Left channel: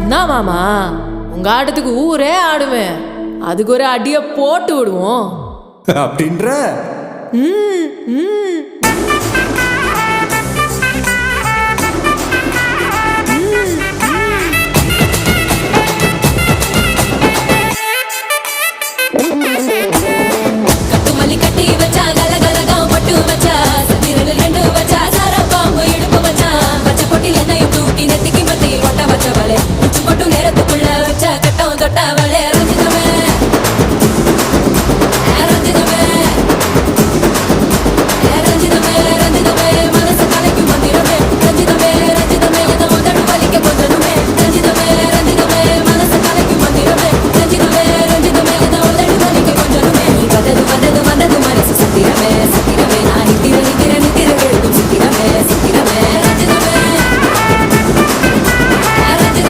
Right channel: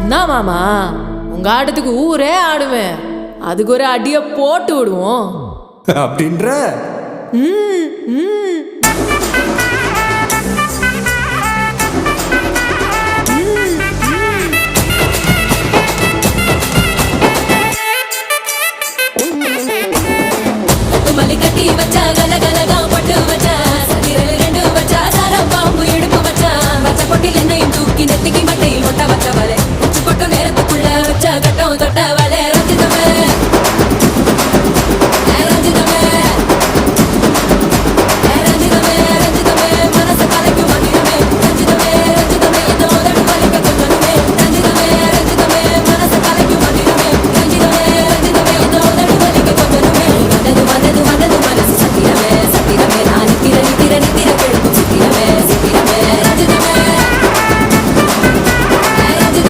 என்ன மாமா, உங்க ஆட்டத்துக்கு ஊரே ஆடுவேன். அதுக்கு ஒரு அடிய போட்டு விடுவோம் அப்படின்ற ம் ம்